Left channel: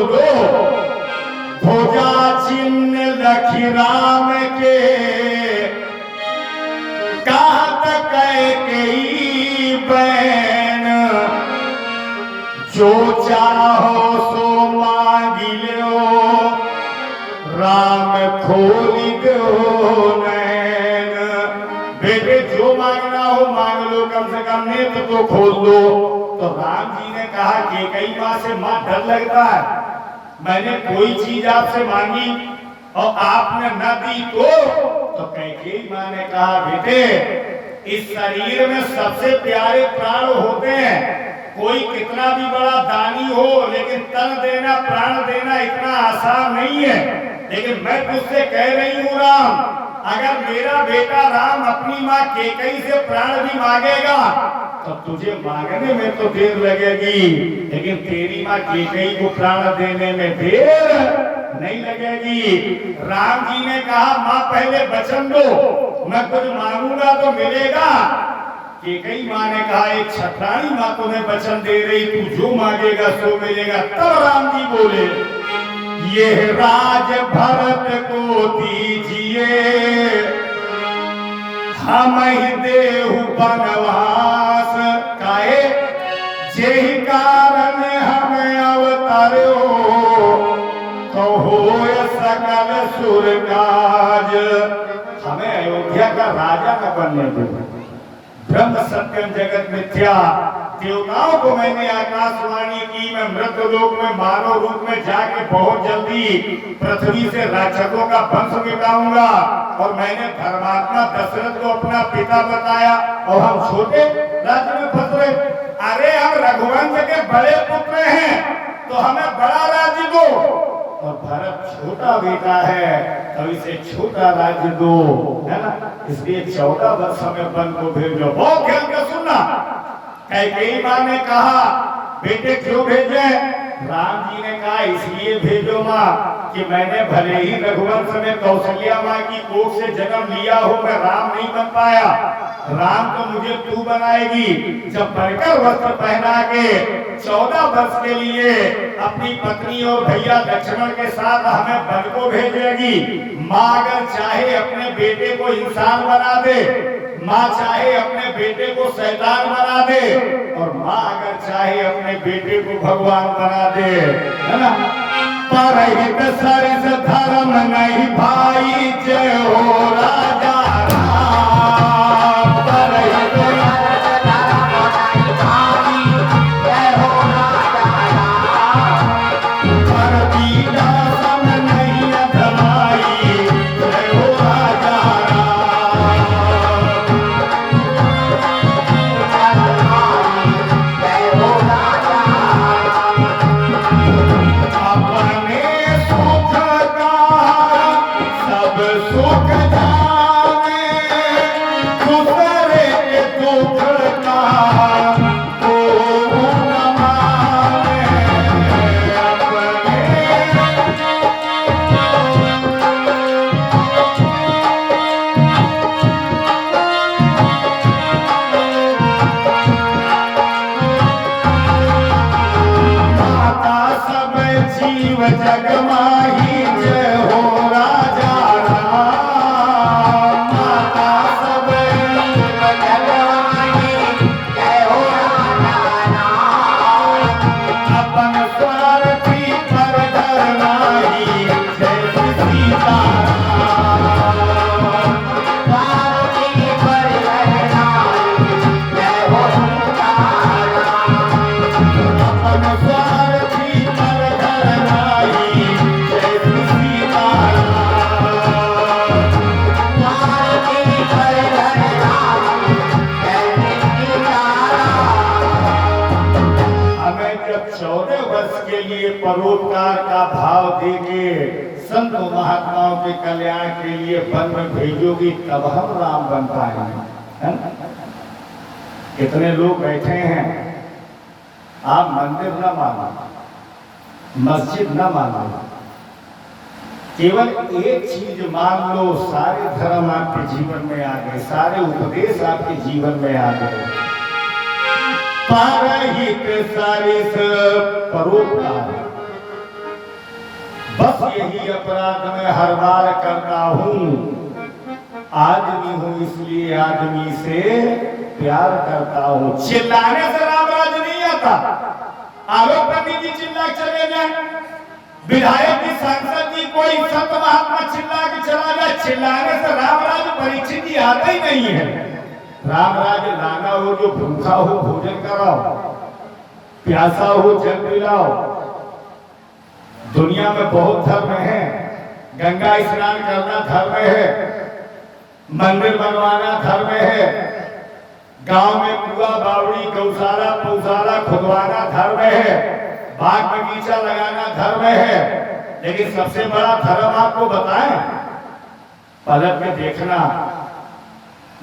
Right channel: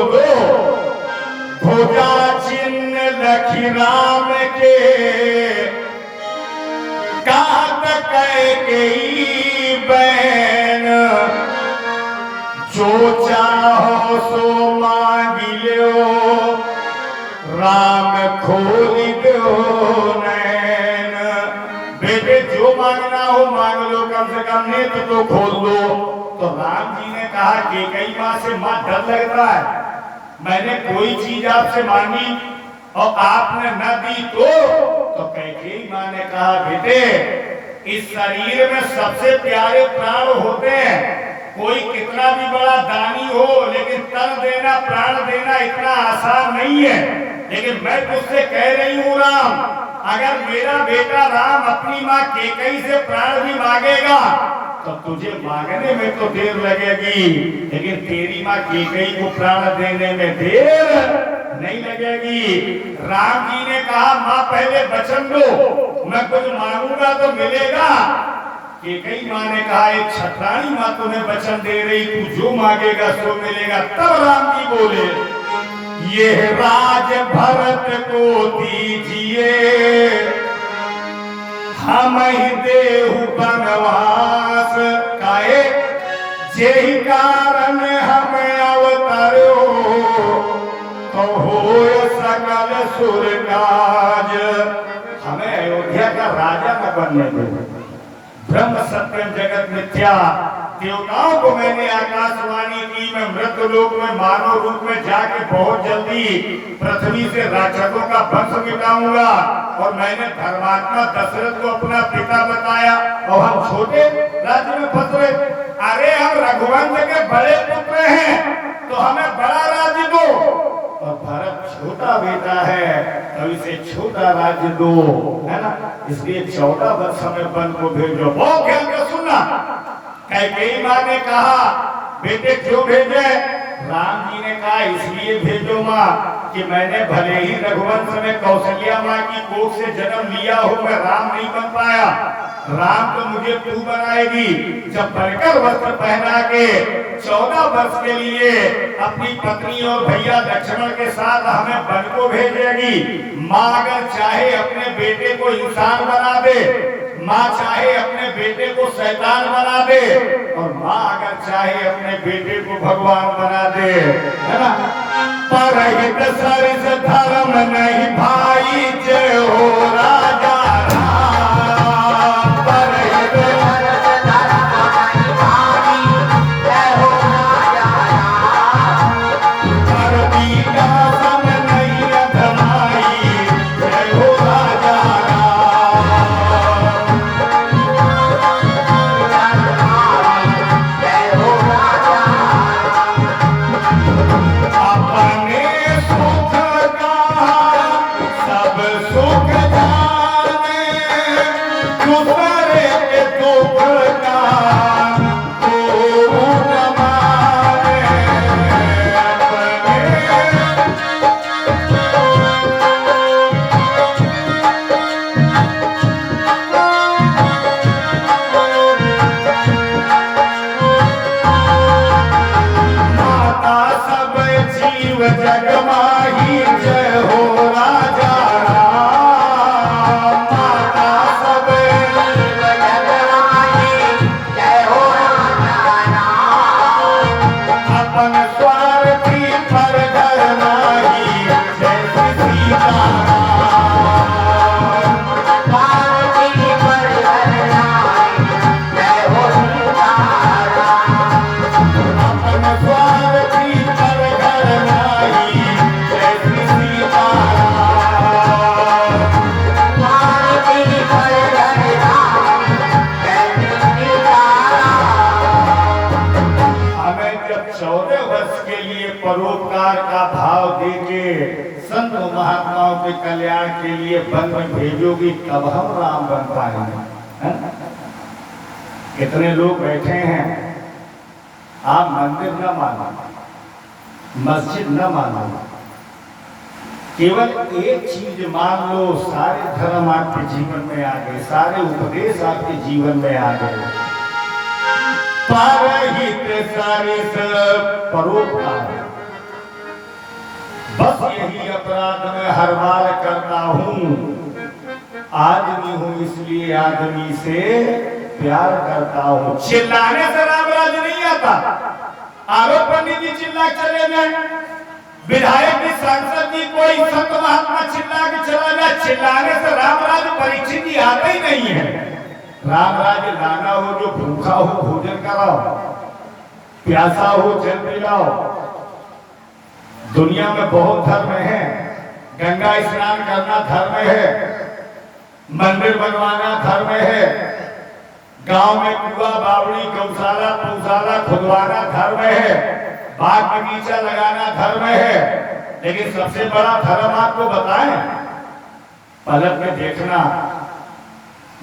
दो भोजा चिन्ह लखी राम के कहत कैकेयी बहन जो चाहो सो मांग लो राम खोली दो नैन। बेटे जो मांगना हो मांग लो, कम से कम नेत्र तो खोल दो। तो राम जी ने कहा कैकेयी मां से मां डर लगता है, मैंने कोई चीज आपसे मांगी और आपने न दी तो कैकेयी मां ने कहा बेटे इस शरीर में सबसे प्यारे प्राण होते हैं, कोई कितना भी बड़ा दानी हो लेकिन तन देना प्राण देना इतना आसान नहीं है। लेकिन मैं तुझसे कह रही हूँ राम, अगर मेरा बेटा राम अपनी माँ कैकेयी से प्राण भी मांगेगा तो तुझे मांगने में तो देर लगेगी, लेकिन तेरी माँ कैकेयी को प्राण देने में देर नहीं लगेगी। राम जी ने कहा माँ पहले वचन दो, मैं कुछ मांगूंगा तो मिलेगा। कैकेयी माँ ने कहा एक छत्राणी माँ तुम्हें वचन दे रही, तू जो मांगेगा सो मिलेगा। तब राम जी बोले ये राज भरत को दीजिए, हम ही देहु बनवास काहे, जेहि कारण हमें अवतारो कहो सकल सुर काज। हमें अयोध्या का राजा न बनने दे, ब्रह्म सत्यम जगत मिथ्या। देवताओं को मैंने आकाशवाणी की मैं मृतलोक में मानव रूप में जाके बहुत जल्दी पृथ्वी से राक्षसों का वंश मिटाऊंगा। और मैंने धर्मात्मा दशरथ को अपना पिता बताया और हम छोटे राज्य में फंस गए। अरे हम रघुवंश के बड़े पुत्र हैं तो हमें बड़ा राज्य दो, और भरत छोटा बेटा है तो इसे छोटा राज्य दो, है ना। इसलिए 14 वर्ष में वन को भेजो। बहुत खेल के सुनना, कैकेयी मां ने कहा बेटे क्यों भेजे? राम जी ने कहा इसलिए भेजो मां कि मैंने भले ही रघुवंश में कौशल्या मां की कोख से जन्म लिया हो, मैं राम नहीं बन पाया, राम तो मुझे तू बनाएगी। जब बनकर वस्त्र पहना के 14 वर्ष के लिए अपनी पत्नी और भैया लक्ष्मण के साथ हमें वन को भेजेगी। माँ अगर चाहे अपने बेटे को इंसान बना दे, माँ चाहे अपने बेटे को शैतान बना दे, और माँ अगर चाहे अपने बेटे को भगवान बना दे, है ना। परहित सरिस धर्म नहीं भाई, जय हो राजा राम। परहित परोपकार का भाव देके संत महात्माओं के कल्याण के लिए वन में भेजोगी तब हम राम बन पाएंगे। कितने लोग बैठे हैं, आप मंदिर न मानो, मस्जिद न मानो, केवल एक चीज मान लो, सारे धर्म आपके जीवन में आ गए, सारे उपदेश आपके जीवन में आ गए। परहित सरिस परोपकार, बस यही अपराध मैं हर बार करता हूँ, आदमी हूँ इसलिए आदमी से प्यार करता हूँ। चिल्लाने से राम राज नहीं आता। आरोप पंडित जी चिल्ला चले जाए, विधायक की सांसद की कोई संत महात्मा चिल्ला के चला जाए, चिल्लाने से राम राज परीक्षित जी आता ही नहीं है। राम राज लाना हो, जो भूखा हो भोजन कराओ, प्यासा हो जल पिलाओ। दुनिया में बहुत धर्म है, गंगा स्नान करना धर्म है, मंदिर बनवाना धर्म है, गांव में कुआ बावड़ी गौशाला पौशाला खुदवाना धर्म है, बाग बगीचा लगाना धर्म है। लेकिन सबसे बड़ा धर्म आपको बताएं, पलट में देखना,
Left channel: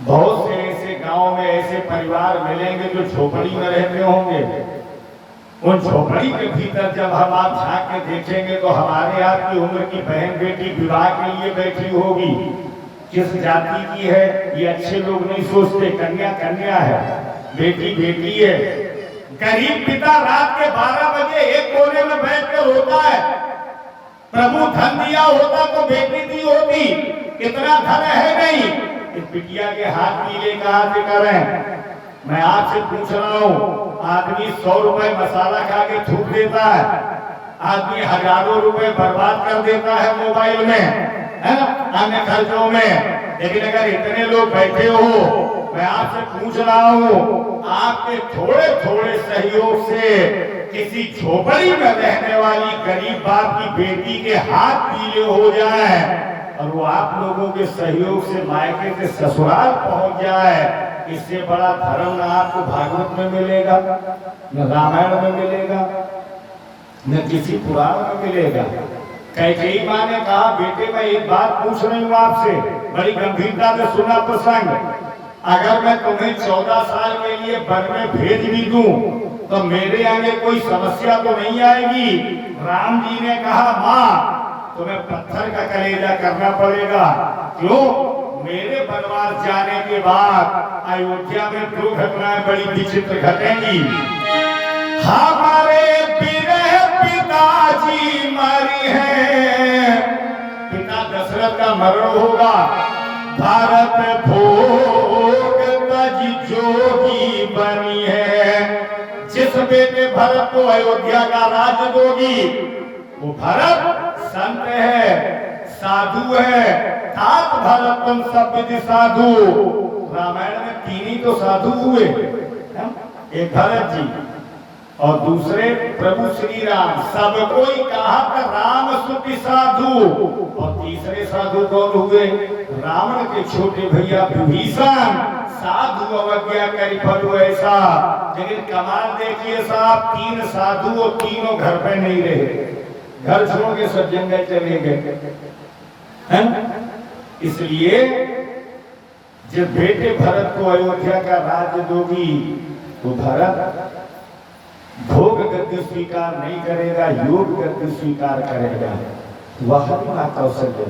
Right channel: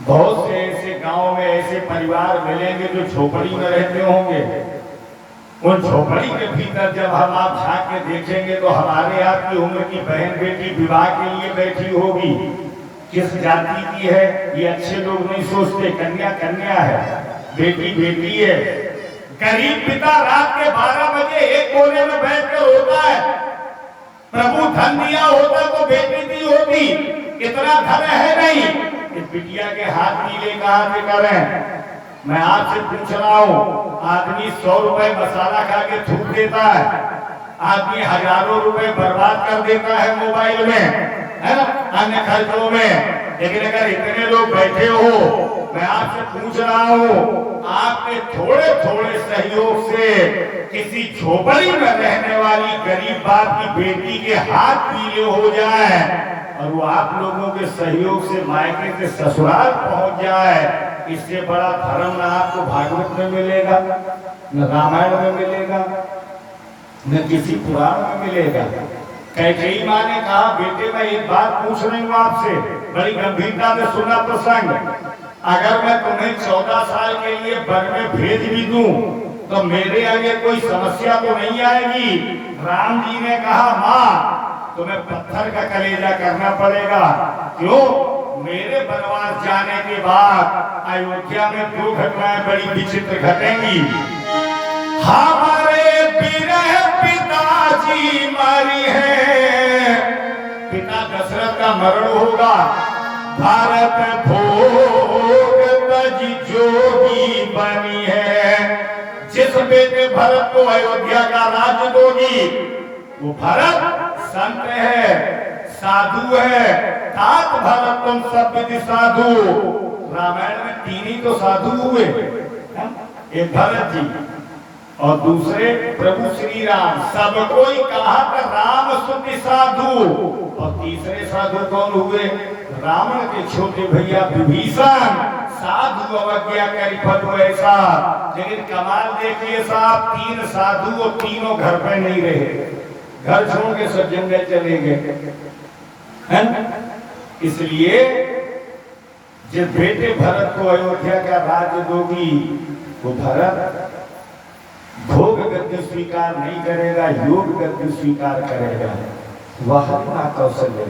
बहुत से ऐसे गांव में ऐसे परिवार मिलेंगे जो झोपड़ी में रहते होंगे। उन झोपड़ी के भीतर जब हम आप झांक के देखेंगे तो हमारे आपकी उम्र की बहन बेटी विवाह के लिए बैठी होगी। किस जाति की है ये अच्छे लोग नहीं सोचते, कन्या कन्या है, बेटी बेटी है। गरीब पिता रात के 12 बजे एक कोने में बैठ कर रोता है, प्रभु धन दिया होता तो बेटी दी होती, इतना धन है नहीं। इस बिटिया के हाथ नीले कहां से करें। मैं आपसे पूछ रहा हूँ, आदमी 100 रुपए मसाला खा के थूक देता है, आदमी हजारों रुपए बर्बाद कर देता है मोबाइल में, है ना, अन्य खर्चों में। लेकिन अगर इतने लोग बैठे हो, मैं आपसे पूछ रहा हूँ, आपके थोड़े थोड़े सहयोग से किसी झोपड़ी में रहने वाली गरीब बाप की बेटी के हाथ पीले हो जाए और वो आप लोगों के सहयोग से मायके से ससुराल पहुंच जाए, इससे बड़ा धर्म न आपको भागवत में मिलेगा, न रामायण में मिलेगा, न किसी पुराण में मिलेगा। कैकेयी माँ ने कहा, बेटे मैं एक बात पूछ रही हूँ आपसे, बड़ी गंभीरता से सुना प्रसंग। अगर मैं तुम्हें 14 साल के लिए वन में भेज भी दूं तो मेरे आगे कोई समस्या तो नहीं आएगी। राम जी ने कहा, माँ तुम्हें पत्थर का कलेजा करना पड़ेगा। क्यों? मेरे वनवास जाने के बाद अयोध्या में 2 घटनाएं बड़ी विचित्र घटेंगी। हमारे पिताजी मरी है, पिता दशरथ का मरण होगा, भारत भोग तजी जोगी बनी है। जिस बेटे भरत को अयोध्या का राज्य दोगी, वो भरत संत है, साधु है, तात भरत तुम सब विधि साधु। रामायण में 3 ही तो साधु हुए, एक भरत जी और दूसरे प्रभु श्री राम। सब कोई कहा कि राम स्तुति साधु, और तीसरे साधु कौन हुए? रावण के छोटे भैया विभीषण। साधु अवज्ञा करी फल ऐसा। लेकिन कमाल देखिए साहब, 3 साधु और तीनों घर पे नहीं रहे, घर छोड़ के सब जंगल चले गए, हैं? इसलिए जब बेटे भरत को अयोध्या का राज्य दोगी तो भरत भोग गद्दी स्वीकार नहीं करेगा, योग गद्दी स्वीकार करेगा। वह मां कौशल्य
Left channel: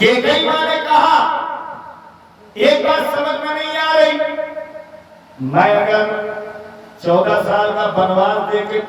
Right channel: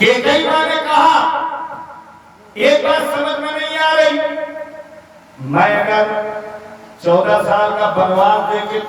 कैकेयी मां ने कहा, एक बात समझ में नहीं आ रही, मैं अगर 14 साल का वनवास देके